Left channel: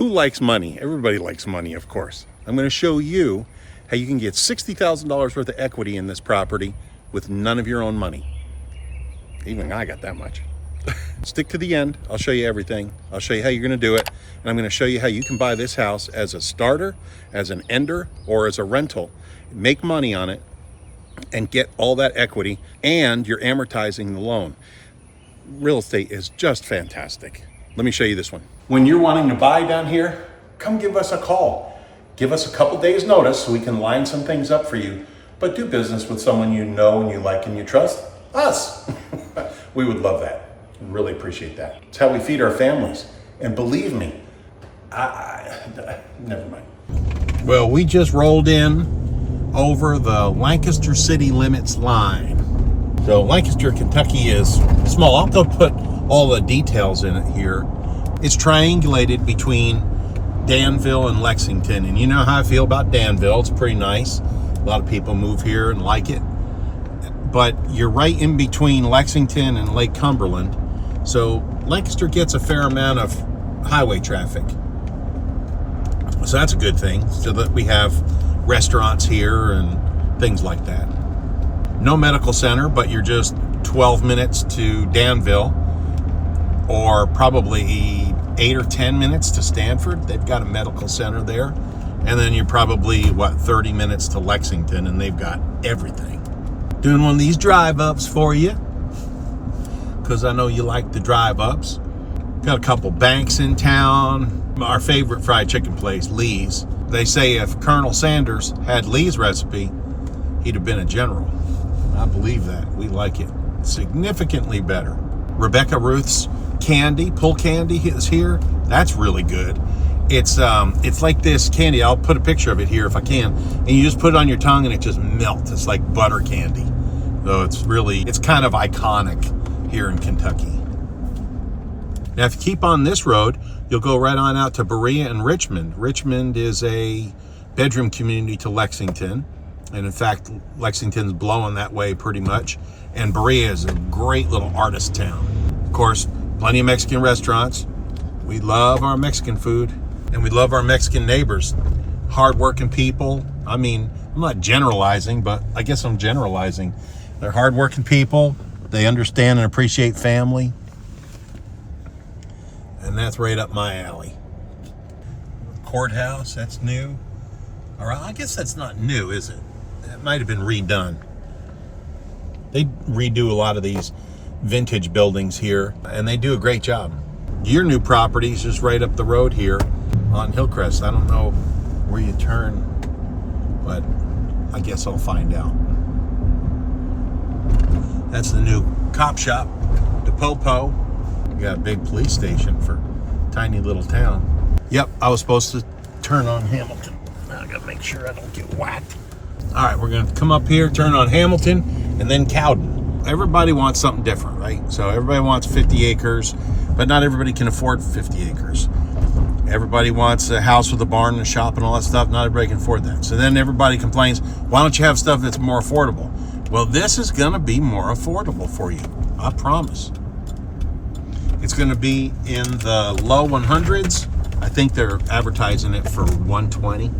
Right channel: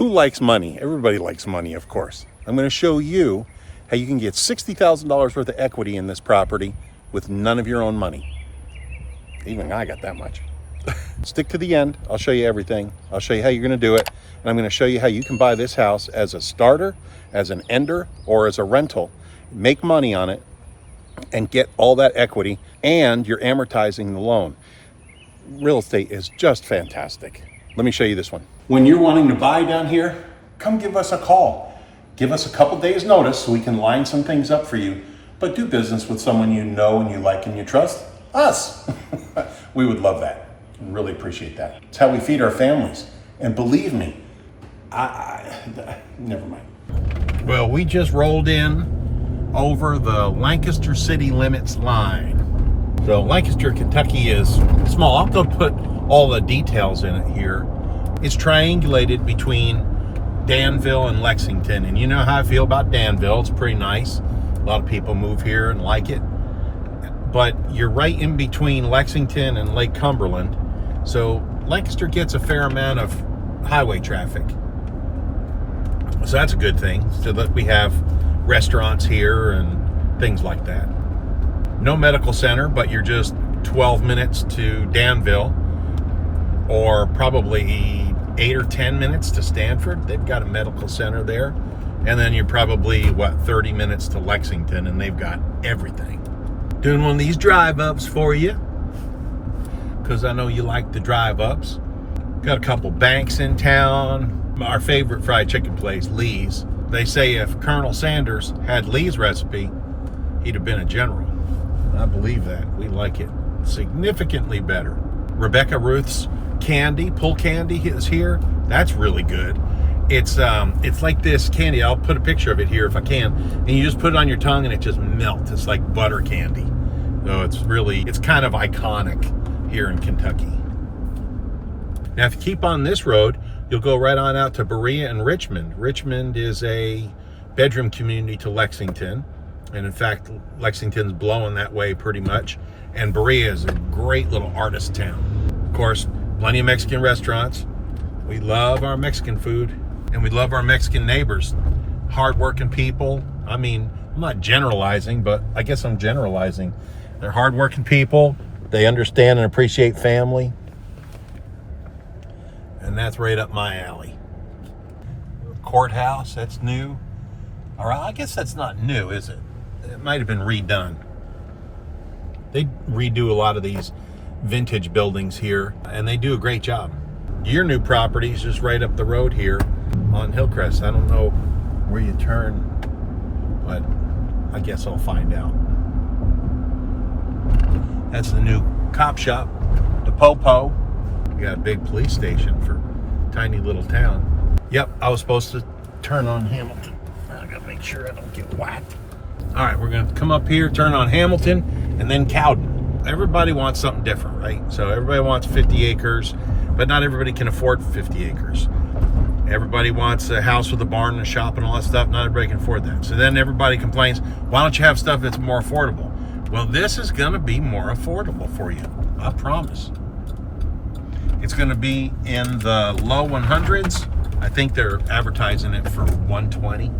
Who likes money? Everybody likes money, of course. I'm going to show you how you can get $60,000 worth of equity in this property with none of your own money. Even I got that much. Stick to the end. I'll show you everything. I'll show you how you're going to do it. And I'm going to show you how you can buy this house as a starter, as an ender, or as a rental. Make money on it and get all that equity, and you're amortizing the loan. Real estate is just fantastic. Let me show you this one. When you're wanting to buy down here, come give us a call. Give us a couple days notice so we can line some things up for you. But do business with someone you know and you like and you trust. Us. We would love that. Really appreciate that. It's how we feed our families. And believe me, never mind. Well, we just rolled in over the Lancaster city limits line. So Lancaster, Kentucky is small. I'll go put all the details in it here. It's triangulated between Danville and Lexington. And you know how I feel about Danville. It's pretty nice. A lot of people move here and like it. But you're right in between Lexington and Lake Cumberland. So Lancaster gets a fair amount of highway traffic. So that's a good thing, so that we have restaurants here and things like that. No medical center, but you're just 12 minutes to Danville, or probably 8 or 10 minutes to Stanford. They've got a medical center there. And then you're probably, 30 minutes to Lexington, and they've got everything. Doing one of these drive-ups for you, because I know you like the drive-ups. Got a couple banks in town. Our favorite fried chicken place, Lee's. They say if Colonel Sanders had Lee's recipe, he'd have been a general. I believe that. We like it significantly better. Rebecca Ruth's candy, pull candy is here. That's really good. It's like this candy. I'll put a picture of it here if I can. And you just put it on your tongue and it just melts. It's like butter candy. So it's kind of iconic here in Kentucky. Now, if you keep on this road, you'll go right on out to Berea and Richmond. Richmond is a bedroom community to Lexington. And in fact, Lexington's blowing that way pretty much. And Berea is a great little artist town. Of course, plenty of Mexican restaurants. We love our Mexican food. And we love our Mexican neighbors. Hardworking people. I mean, I'm not generalizing, but I guess I'm generalizing. They're hardworking people. They understand and appreciate family. And that's right up my alley. Courthouse, that's new. Or I guess that's not new, is it? It might have been redone. They redo a lot of these vintage buildings here, and they do a great job. Your new property is just right up the road here on Hillcrest. I don't know where you turn, but I guess I'll find out. That's the new cop shop, the Popo. We got a big police station for a tiny little town. Yep, I was supposed to turn on Hamilton. I gotta make sure I don't get whacked. All right, we're gonna come up here, turn on Hamilton, and then Cowden. Everybody wants something different, right? So everybody wants 50 acres, but not everybody can afford 50 acres. Everybody wants a house with a barn and a shop and all that stuff. Not everybody can afford that. So then everybody complains, why don't you have stuff that's more affordable? Well, this is gonna be more affordable for you, I promise. It's gonna be in the low 100s. I think they're advertising it for 120.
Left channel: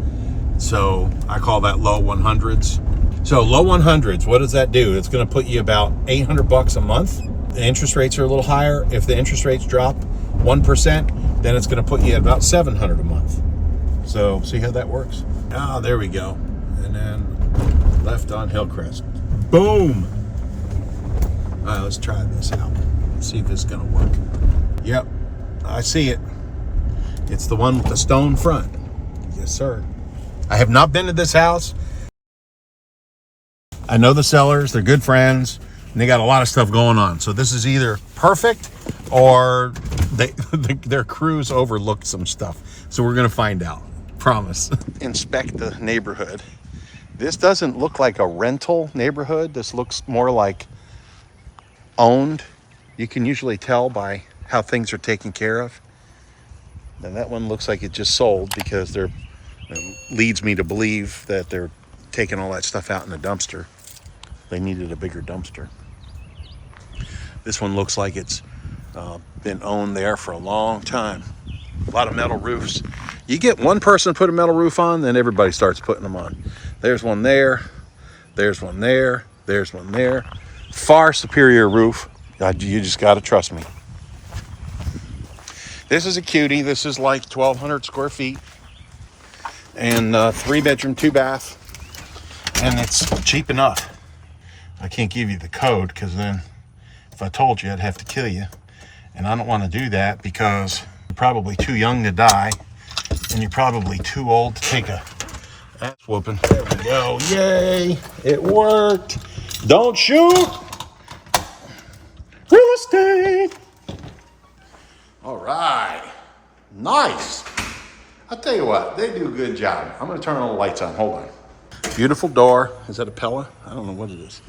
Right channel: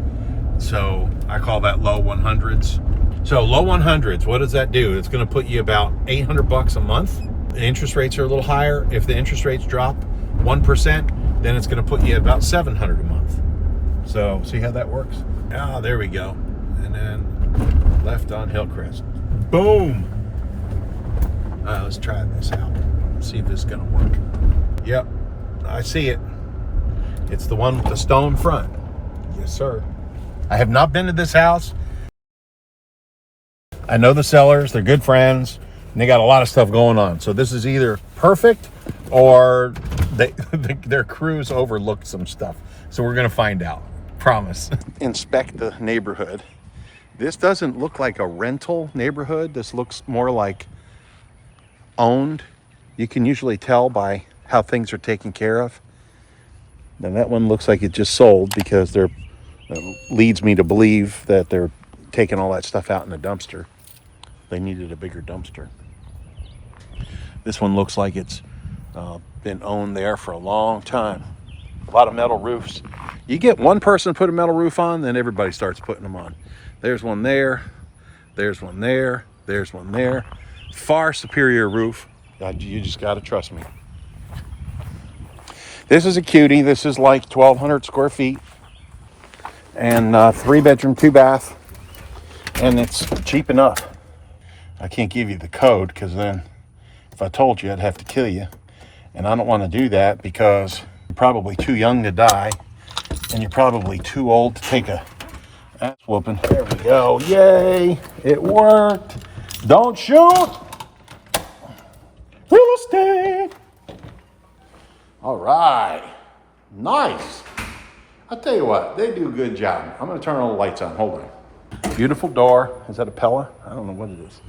So I call that low 100s. So low 100s, what does that do? It's gonna put you about $800 a month. The interest rates are a little higher. If the interest rates drop 1%, then it's gonna put you at about $700 a month. So see how that works? Ah, there we go. And then left on Hillcrest. Boom. All right, let's try this out. Let's see if this is gonna work. Yep, I see it. It's the one with the stone front. Yes, sir. I have not been to this house. I know the sellers, they're good friends, and they got a lot of stuff going on. So this is either perfect or their crews overlooked some stuff. So we're gonna find out, promise. Inspect the neighborhood. This doesn't look like a rental neighborhood. This looks more like owned. You can usually tell by how things are taken care of. Now that one looks like it just sold because leads me to believe that they're taking all that stuff out in the dumpster. They needed a bigger dumpster. This one looks like it's been owned there for a long time. A lot of metal roofs. You get one person put a metal roof on, then everybody starts putting them on. There's one there. There's one there. There's one there. Far superior roof. You just got to trust me. This is a cutie. This is like 1,200 square feet. And 3-bedroom, 2-bath. And it's cheap enough. I can't give you the code because then if I told you, I'd have to kill you. And I don't want to do that because you're probably too young to die. And you're probably too old to take a ass whooping. There we go. Yay. It worked. Don't shoot. Real estate. All right. Nice. I'll tell you what, they do a good job. I'm going to turn all the lights on. Hold on. Beautiful door. Is that a Pella? I don't know what it is.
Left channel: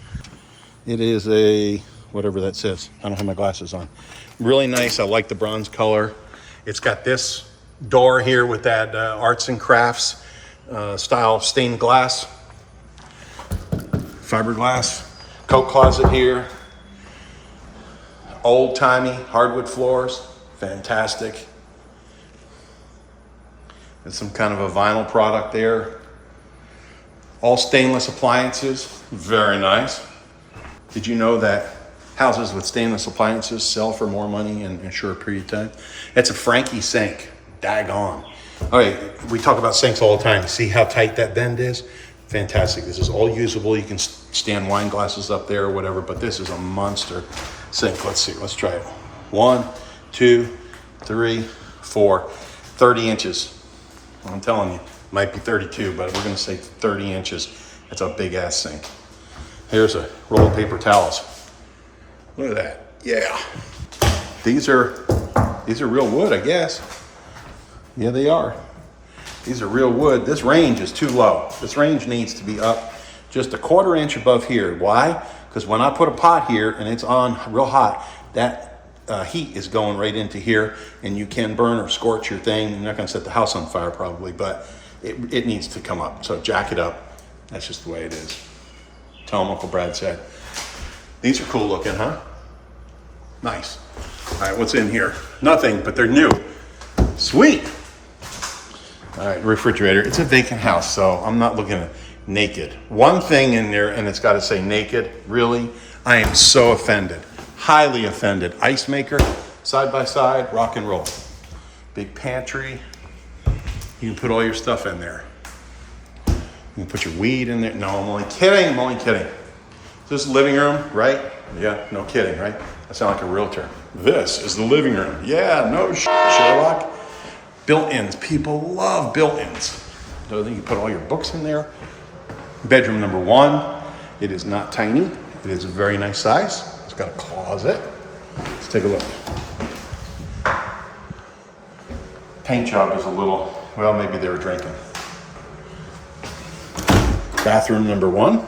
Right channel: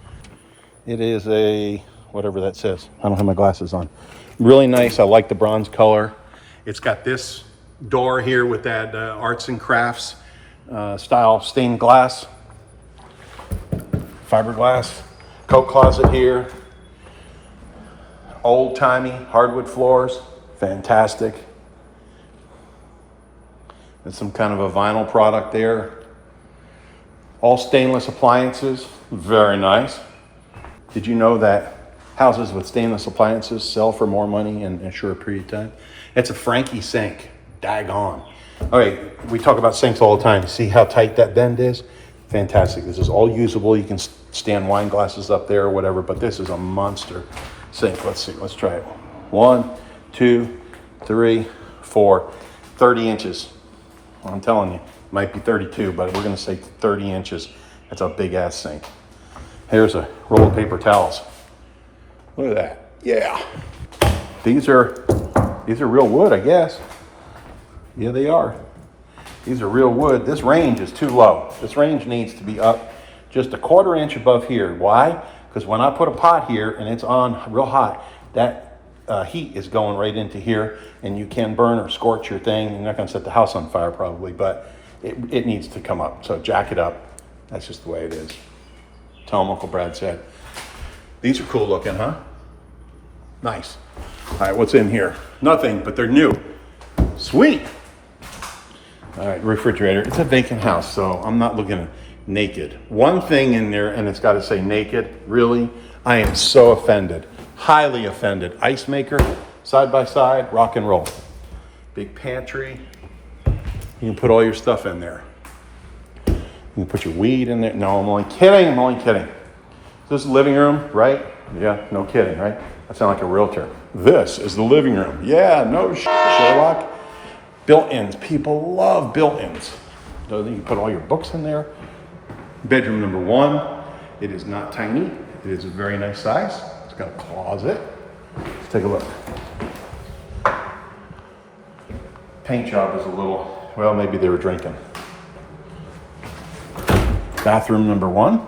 It is a, whatever that says. I don't have my glasses on. Really nice. I like the bronze color. It's got this door here with that arts and crafts style stained glass. Fiberglass. Coat closet here. Old-timey hardwood floors. Fantastic. And some kind of a vinyl product there. All stainless appliances. Very nice. Did you know that houses with stainless appliances sell for more money in a short period of time? It's a Frankie sink. Daggone. All right, we talk about sinks all the time. See how tight that bend is? Fantastic. This is all usable. You can stand wine glasses up there or whatever, but this is a monster sink. Let's see. Let's try it. 1, 2, 3, 4. 30 inches. Well, I'm telling you, might be 32, but we're going to say 30 inches. That's a big ass sink. Here's a roll of paper towels. Look at that. Yeah. These are real wood, I guess. Yeah, they are. These are real wood. This range is too low. This range needs to be up just a 1/4 inch above here. Why? Because when I put a pot here and it's on real hot, that heat is going right into here, and you can burn or scorch your thing. You're not going to set the house on fire probably, but it needs to come up. So jack it up. That's just the way it is. Tell them Uncle Brad said. These are cool looking, huh? Nice. All right, what's in here? Nothing, but they're new. Sweet. All right, refrigerator. It's a vacant house, so I'm not looking at naked. One thing in there, and it's got to say naked. Really? I am so offended. Highly offended. Ice maker, side by side, rock and roll. Big pantry. You can put all your stuff in there. You can put your weed in there. No, I'm only kidding. I'm only kidding. This is the living room, right? Yeah, no kidding, right? I sound like a realtor. This is the living room. Yeah, no Sherlock. Built-ins. People love built-ins. So you can put all your books in there. Bedroom number 1. It is not tiny. It is a very nice size. It's got a closet. Let's take a look. Paint job is a little, well, maybe they were drinking. Bathroom number 1.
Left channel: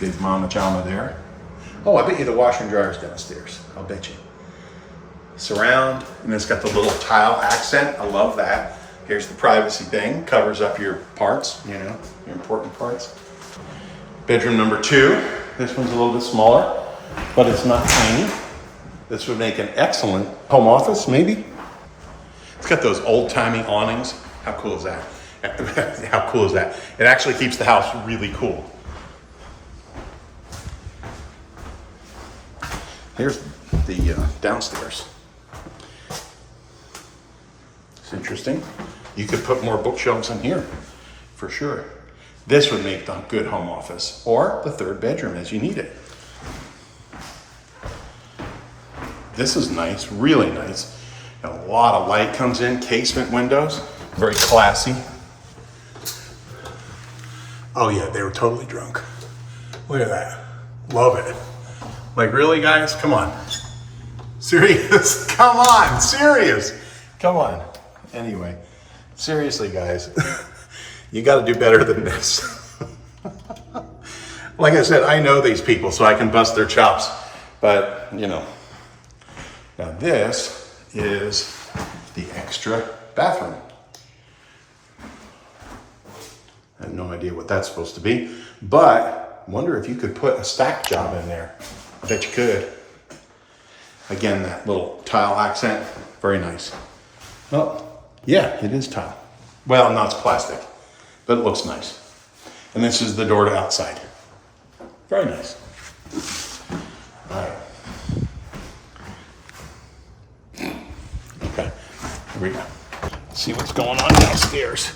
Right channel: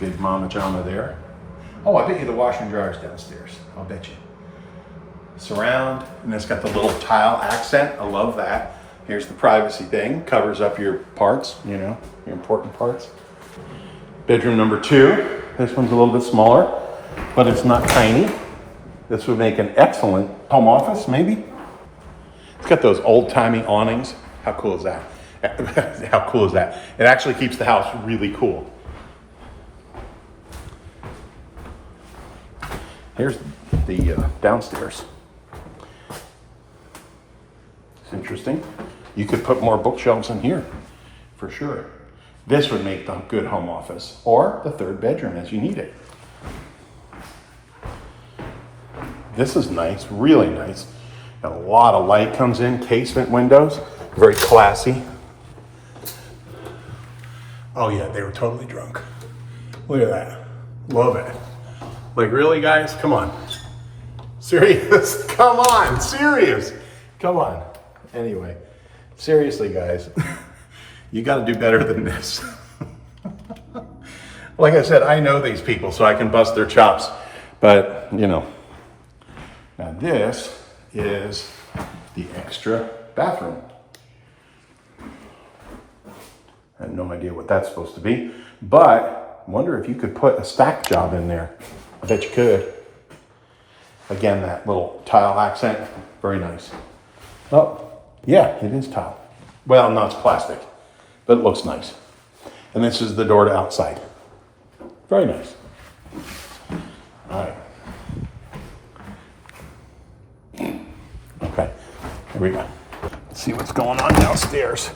Big mama jama there. Oh, I bet you the washer and dryer is downstairs. I'll bet you. Surround, and it's got the little tile accent. I love that. Here's the privacy thing. Covers up your parts, you know, your important parts. Bedroom number 2. This one's a little bit smaller, but it's not tiny. This would make an excellent home office, maybe. It's got those old-timey awnings. How cool is that? How cool is that? It actually keeps the house really cool. Here's the downstairs. It's interesting. You could put more bookshelves in here, for sure. This would make the good home office, or the 3rd bedroom as you need it. This is nice, really nice. A lot of light comes in, casement windows, very classy. Oh yeah, they were totally drunk. Look at that, love it. Like really guys, come on. Serious, come on, serious. Come on. Anyway, seriously guys, you gotta do better than this. Like I said, I know these people so I can bust their chops, but you know. Now this is the extra bathroom. I have no idea what that's supposed to be, but wonder if you could put a stack job in there. I bet you could. Again, that little tile accent, very nice. Oh, yeah, it is tile. Well, no, it's plastic, but it looks nice. And this is the door to outside. Very nice. All right. Okay, here we go. Let's see what's going on downstairs.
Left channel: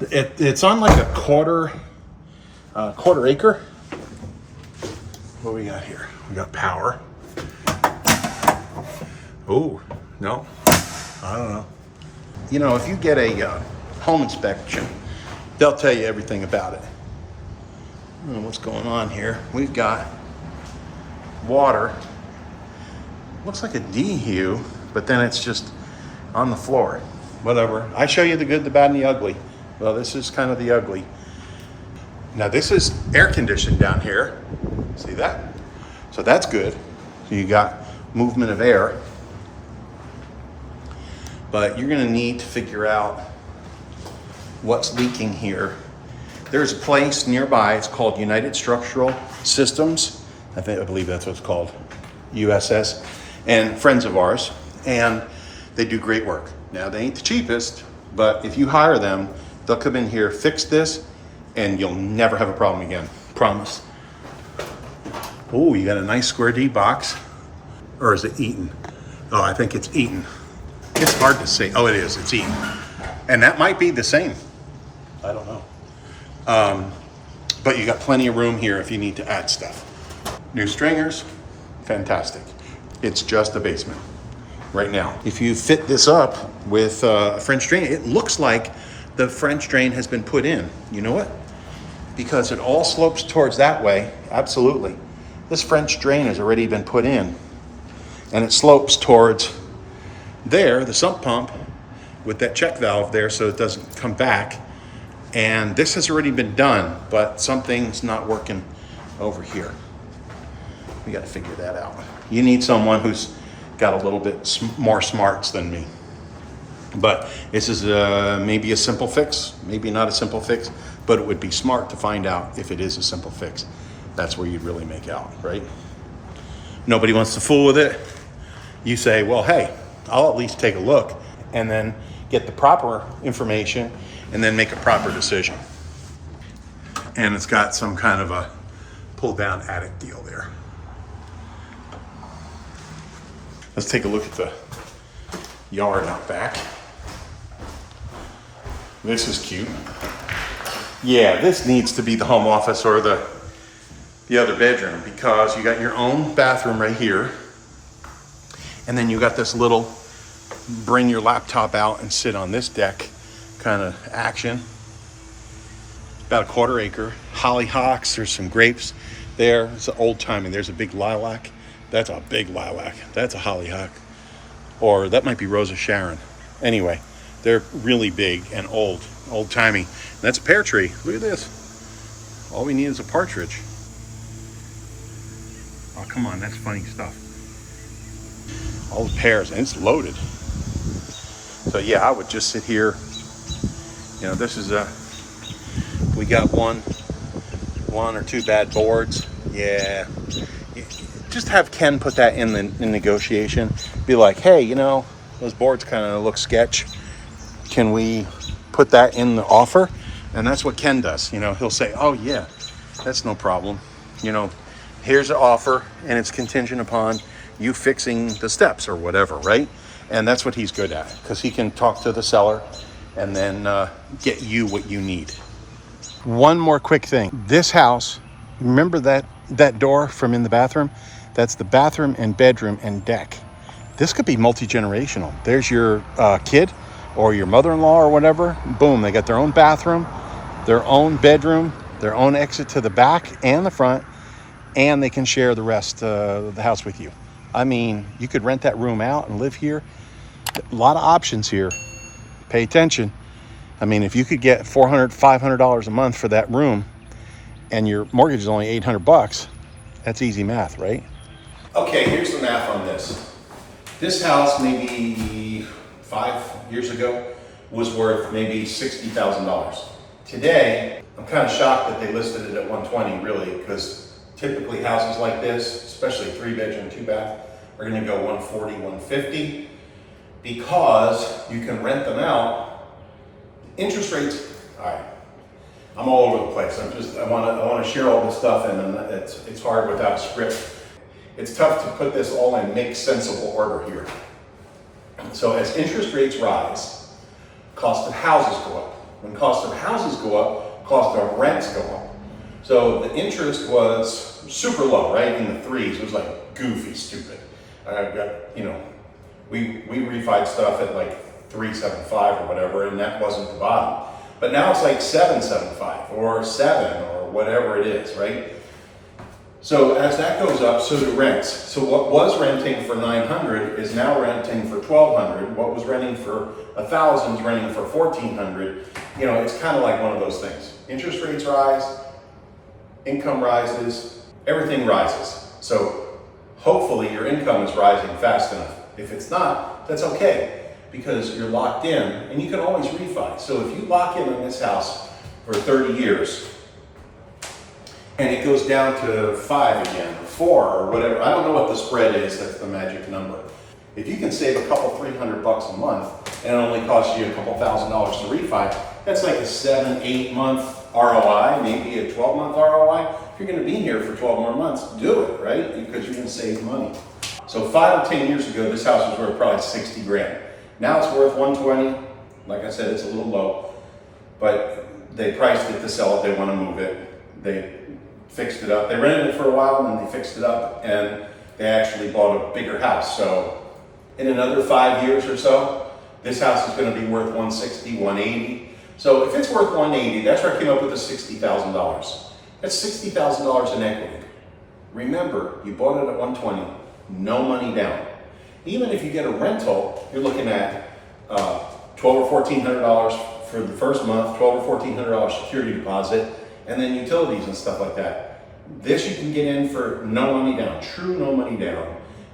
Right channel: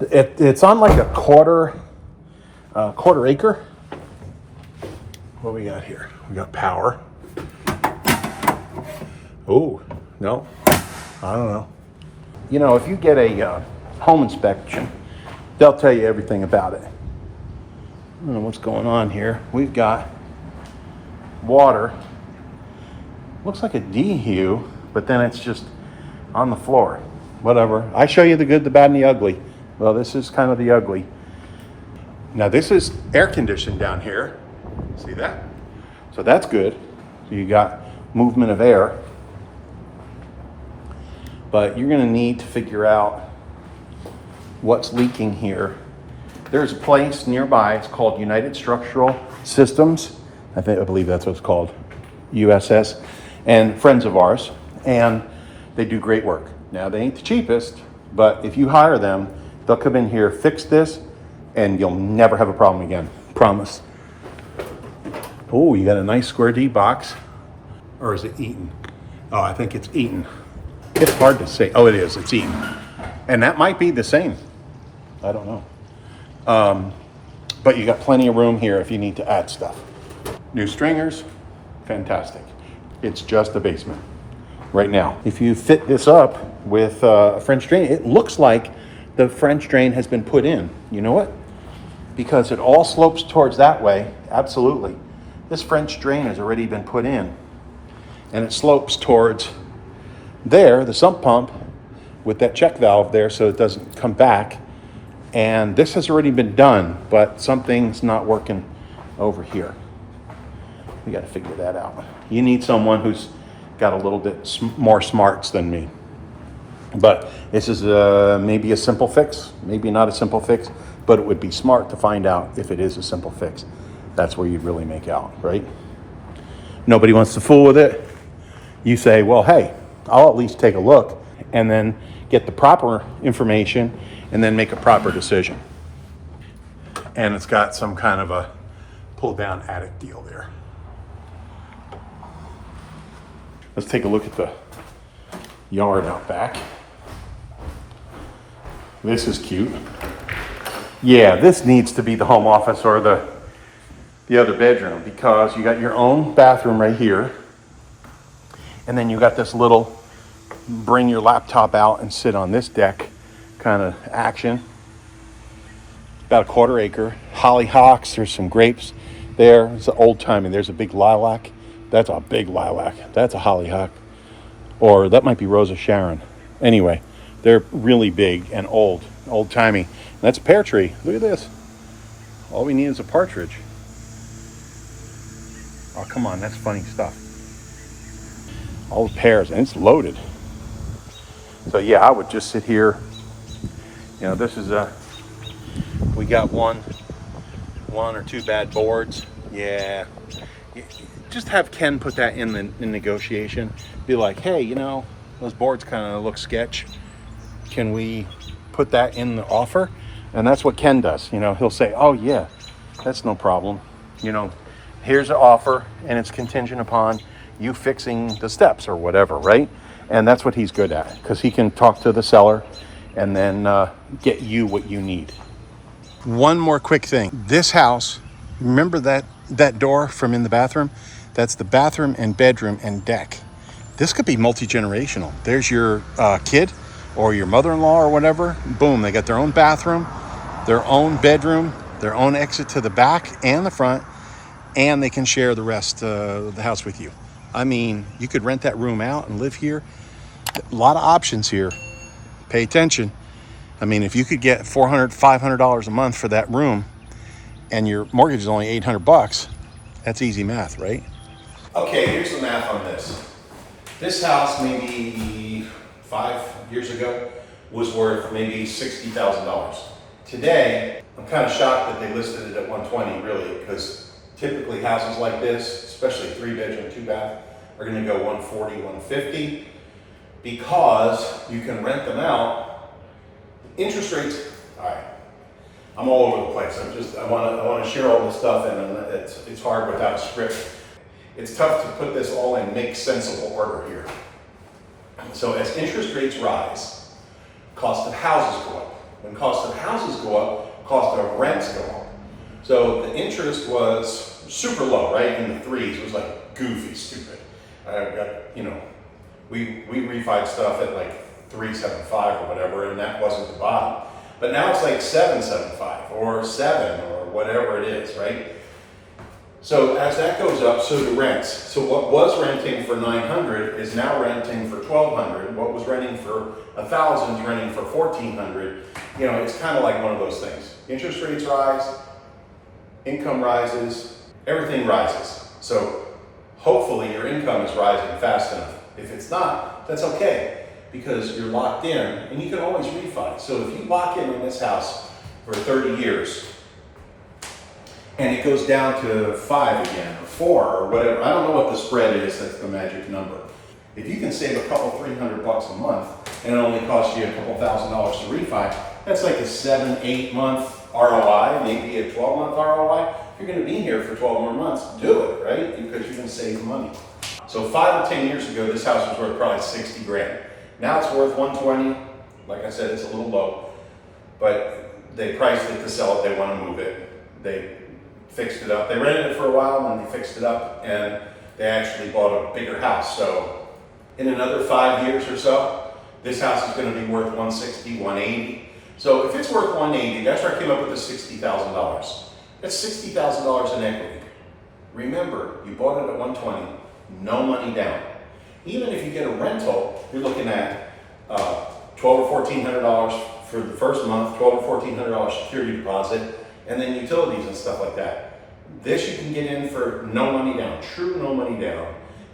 It's on like a quarter acre. What do we got here? We got power. Oh, no, I don't know. You know, if you get a home inspection, they'll tell you everything about it. I don't know what's going on here. We've got water. Looks like a DHU, but then it's just on the floor. Whatever. I show you the good, the bad, and the ugly. Well, this is kind of the ugly. Now, this is air conditioned down here. See that? So that's good. So you got movement of air. But you're going to need to figure out what's leaking here. There's a place nearby. It's called United Structural Systems. I believe that's what it's called, USS, and friends of ours. And they do great work. Now, they ain't the cheapest, but if you hire them, they'll come in here, fix this, and you'll never have a problem again. Promise. Oh, you got a nice square D box. Or is it Eaton? Oh, I think it's Eaton. It's hard to say. Oh, it is. It's Eaton. And that might be the same. I don't know. But you got plenty of room here if you need to add stuff. New stringers, fantastic. It's just a basement right now. If you fit this up with a French drain, it looks like the French drain has been put in. You know what? Because it all slopes towards that way. Absolutely. This French drain has already been put in. And it slopes towards there, the sump pump, with that check valve there so it doesn't come back. And this has already been done, but something's not working over here. We got to figure that out. You need someone who's got a little bit more smarts than me. But this is maybe a simple fix, maybe not a simple fix, but it would be smart to find out if it is a simple fix. That's where you'd really make out, right? Nobody wants to fool with it. You say, well, hey, I'll at least take a look and then get the proper information and then make a proper decision. And it's got some kind of a pull down attic deal there. Let's take a look at the yard out back. This is cute. Yeah, this needs to be the home office or the other bedroom because you got your own bathroom right here. And then you got this little bring your laptop out and sit on this deck kind of action. About a quarter acre. Hollyhocks, there's some grapes there. It's an old timey. There's a big lilac. That's a big lilac. That's a hollyhock. Or that might be Rosa Sharon. Anyway, they're really big and old timey. And that's a pear tree. Look at this. All we need is a partridge. Oh, come on, that's funny stuff. All the pears, and it's loaded. So yeah, I would just sit here. You know, this is we got one or two bad boards. Yeah, just have Ken put that in the negotiation. Be like, hey, you know, those boards kind of look sketch. Can we put that in the offer? And that's what Ken does. You know, he'll say, oh yeah, that's no problem. You know, here's an offer, and it's contingent upon you fixing the steps or whatever, right? And that's what he's good at, because he can talk to the seller and then get you what you need. One more quick thing. This house, remember that door from in the bathroom? That's the bathroom and bedroom and deck. This could be multi-generational. There's your kid or your mother-in-law or whatever. Boom, they got their own bathroom, their own bedroom, their own exit to the back and the front, and they can share the rest of the house with you. I mean, you could rent that room out and live here. A lot of options here. Pay attention. I mean, if you could get $400, $500 a month for that room and your mortgage is only $800, that's easy math, right? Okay, here's the math on this. This house maybe 5 years ago was worth maybe $60,000. Today, I'm kind of shocked that they listed it at $120 really, because typically houses like this, especially 3-bedroom, 2-bath, are going to go 140, 150 because you can rent them out. Interest rates, all right. I'm all over the place. I want to share all this stuff, and it's hard without a script. It's tough to put this all in make sensible order here. So as interest rates rise, cost of houses go up. When cost of houses go up, cost of rents go up. So the interest was super low, right? In the threes. It was like goofy, stupid. We refied stuff at like 3.75 or whatever, and that wasn't the bottom. But now it's like 7.75 or 7 or whatever it is, right? So as that goes up, so do rents. So what was renting for $900 is now renting for $1,200. What was renting for $1,000 is renting for $1,400. You know, it's kind of like one of those things. Interest rates rise, income rises, everything rises. So hopefully your income is rising fast enough. If it's not, that's okay, because you're locked in and you can always refi. So if you lock in this house for 30 years, and it goes down to 5 again, or 4, or whatever. I don't know what the spread is, that's the magic number. If you can save a couple $300 a month, and it only costs you a couple $1,000s to refi, that's like a 7-8 month ROI, maybe a 12-month ROI. If you're gonna be here for 12 more months, do it, right? Because you're gonna save money. So 5 or 10 years ago, this house was worth probably 60 grand. Now it's worth 120. Like I said, it's a little low, but they priced it to sell it, they wanna move it. They fixed it up. They rented it for a while and then they fixed it up and they actually bought a bigger house. So in another 5 years or so, this house is going to be worth 160, 180. So if it's worth 180, that's where I came up with the $60,000. That's $60,000 in equity. Remember, you bought it at 120, no money down. Even if you get a rental, you're looking at $1,200 or $1,400 for the first month, $1,200 or $1,400 security deposit, and then utilities and stuff like that. This you can get in for no money down, true no money down,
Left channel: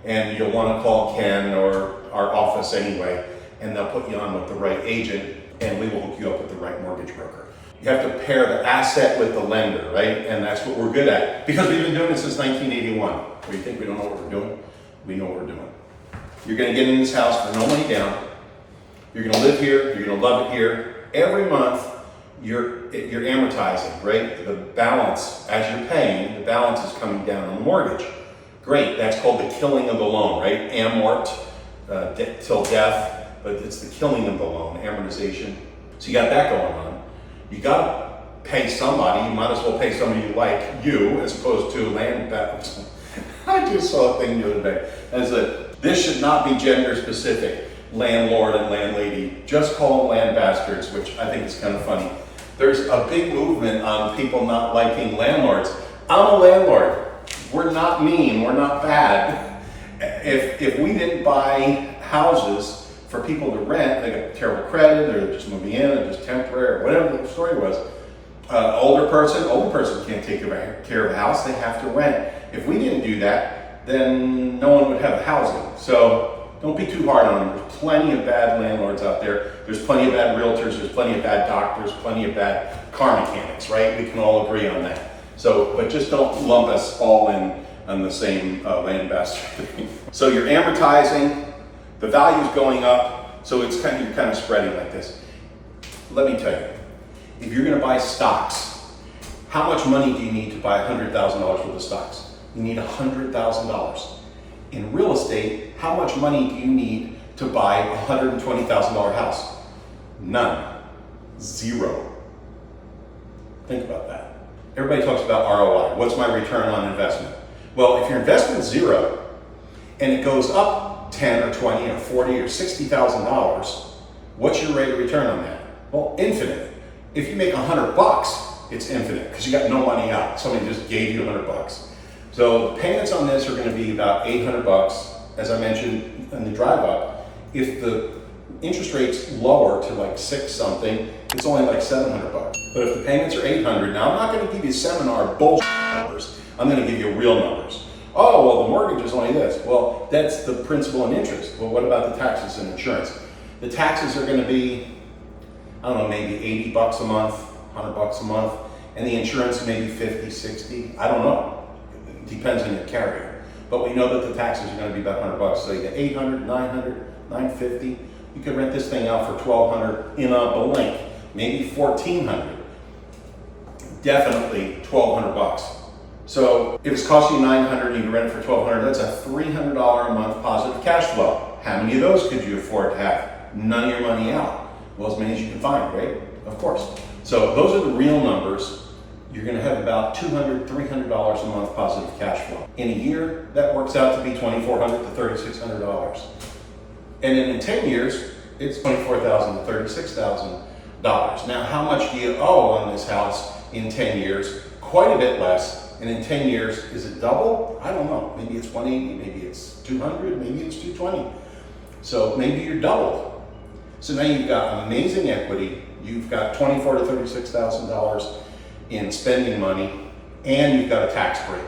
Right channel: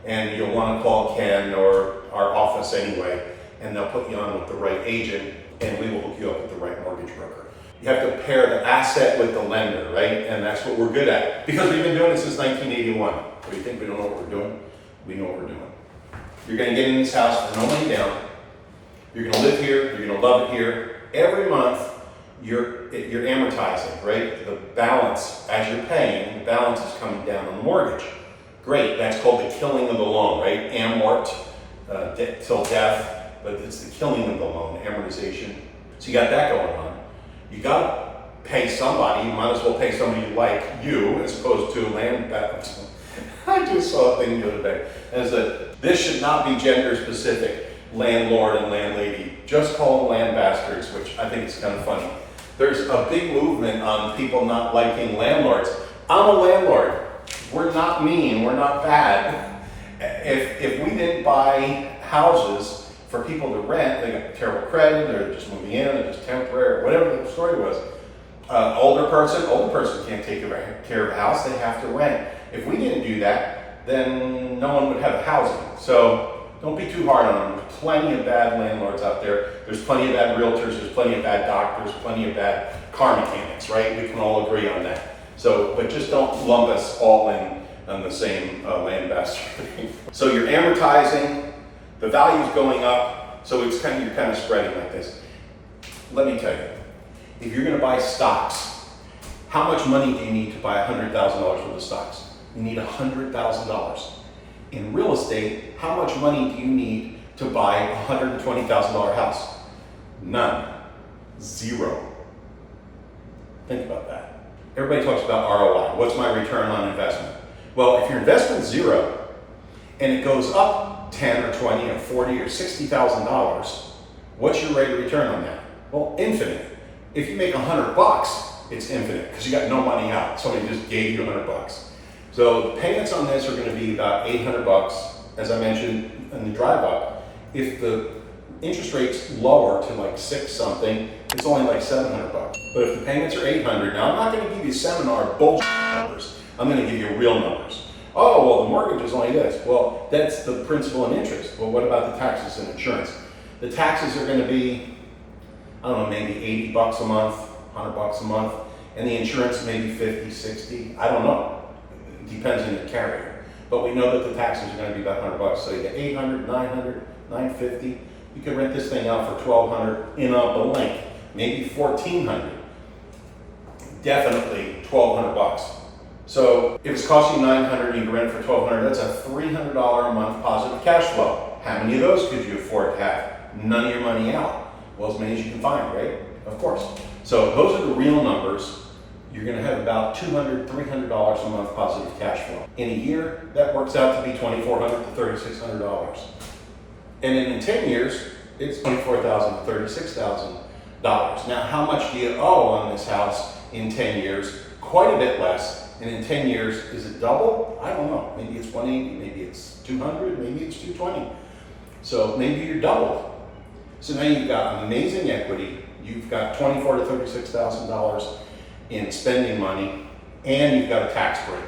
and you'll want to call Ken or our office anyway, and they'll put you on with the right agent, and we will hook you up with the right mortgage broker. You have to pair the asset with the lender, right? And that's what we're good at, because we've been doing it since 1981. What do you think we don't know what we're doing? We know what we're doing. You're going to get in this house for no money down. You're going to live here. You're going to love it here. Every month, you're amortizing, right? The balance, as you're paying, the balance is coming down on the mortgage. Great, that's called the killing of the loan, right? Amort, till death, but it's the killing of the loan, amortization. So you got that going on. You gotta pay somebody. You might as well pay somebody like you as opposed to land batters. I just saw a thing the other day as that this should not be gender specific, landlord and landlady. Just call them land bastards, which I think is kind of funny. There's a big movement on people not liking landlords. I'm a landlord. We're not mean, we're not bad. If we didn't buy houses for people to rent, they got terrible credit, they're just moving in, they're just temporary, whatever the story was. Older person can't take care of a house, they have to rent. If we didn't do that, then no one would have housing. So don't be too hard on them. There's plenty of bad landlords out there. There's plenty of bad realtors. There's plenty of bad doctors. Plenty of bad car mechanics, right? We can all agree on that. So, but just don't lump us all in on the same land bastard thing. So you're amortizing. The value's going up. So it's you're kind of spreading like this. Let me tell you, if you're going to buy stocks, how much money do you need to buy $100,000 worth of stocks? You need $100,000. In real estate, how much money do you need to buy a $120,000 house? None. Zero. Think about that. Everybody talks about ROI. What's my return on investment? Well, if your investment's zero and it goes up 10 or 20 or 40 or $60,000, what's your rate of return on that? Well, infinite. If you make $100, it's infinite because you got no money out. Somebody just gave you $100. So the payments on this are going to be about $800, as I mentioned in the drive up. If the interest rate's lower to like 6 something, it's only like $700. But if the payments are $800, now I'm not going to give you seminar bullshit numbers. I'm going to give you real numbers. Oh, well, the mortgage is only this. Well, that's the principal and interest. Well, what about the taxes and insurance? The taxes are going to be, I don't know, maybe $80 a month, $100 a month, and the insurance maybe 50, 60. I don't know. Depends on your carrier. but we know that the taxes are going to be about $100. So you get 800, 900, 950. You could rent this thing out for 1,200 in a blink, maybe 1,400. Definitely 1,200 bucks. So if it's costing you 900 and you rent it for 1,200, that's a $300 a month positive cash flow. How many of those could you afford to have? None of your money out. Well, as many as you can find, right? Of course. So those are the real numbers. You're going to have about $200, $300 a month positive cash flow. In a year, that works out to be $2,400 to $3,600. And in 10 years, it's $24,000 to $36,000. Now, how much do you owe on this house in 10 years? Quite a bit less. And in 10 years, is it double? I don't know. Maybe it's 180, maybe it's 200, maybe it's 220. So maybe you're doubled. So now you've got amazing equity. You've got $24,000 to $36,000 in spending money, and you've got a tax break.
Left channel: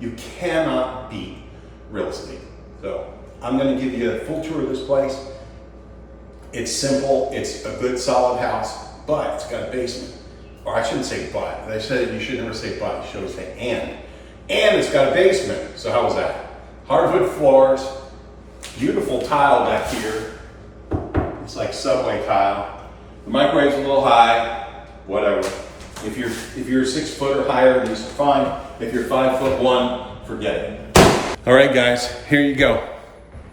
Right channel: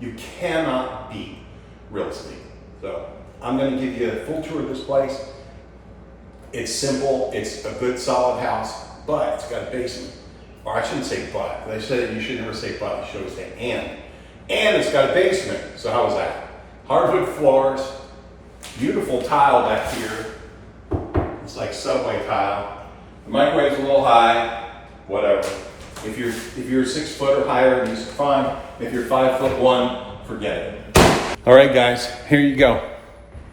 You cannot beat real estate. So I'm going to give you a full tour of this place. It's simple. It's a good, solid house, but it's got a basement. Or I shouldn't say but. They said you should never say but. You should always say and. And it's got a basement. So how was that? Hardwood floors, beautiful tile back here. It's like subway tile. The microwave's a little high. Whatever. If you're 6 foot or higher, these are fine. If you're 5'1", forget it. All right, guys, here you go.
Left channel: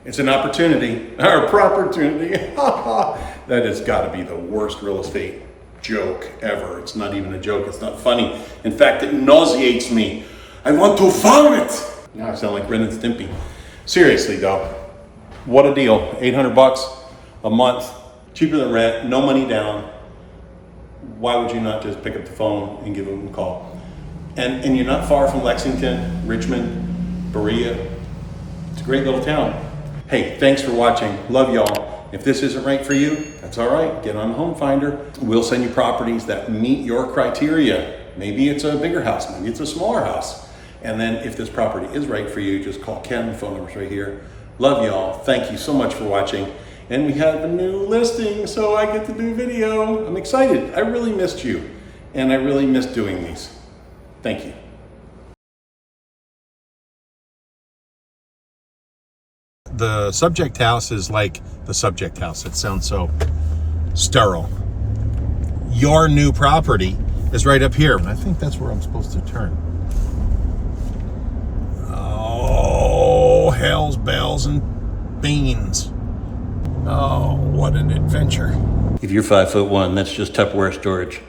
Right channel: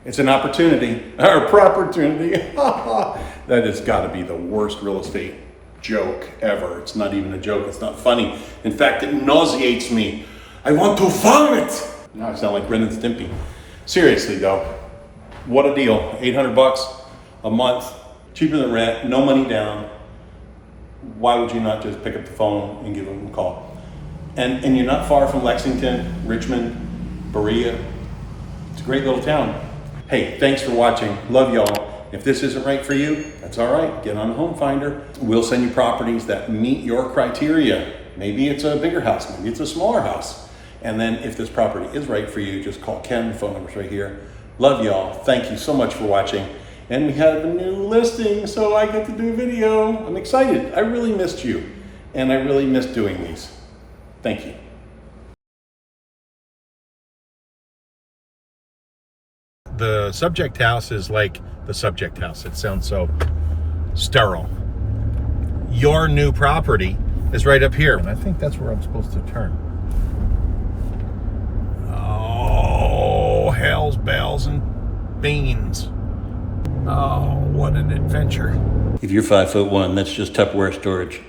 It's an opportunity, or opportunity. That has got to be the worst real estate joke ever. It's not even a joke. It's not funny. In fact, it nauseates me. I want to vomit. Now I sound like Ren and Stimpy. Seriously though, what a deal. 800 bucks a month, cheaper than rent, no money down. Why would you not just pick up the phone and give them a call? And you're not far from Lexington, Richmond, Berea. It's a great little town. Hey, thanks for watching. Love y'all. If this isn't right for you, that's all right. Get on Home Finder. We'll send you properties that meet your criteria. Maybe it's a bigger house, maybe it's a smaller house. And then if this property is right for you, just call Ken. The phone number's right here. Love y'all. Thank you so much for watching. And we have a new listing, so I get to do video. I'm excited. I really missed you. And I really missed doing these. Thank you. The subject house is like the subject house. It sounds so sterile. Your new property is right up here. And I think that's where I'm supposed to turn. Oh, hell's bells and beans. Oh, what an adventure. If you're 5'1", that's just Tupperware storage.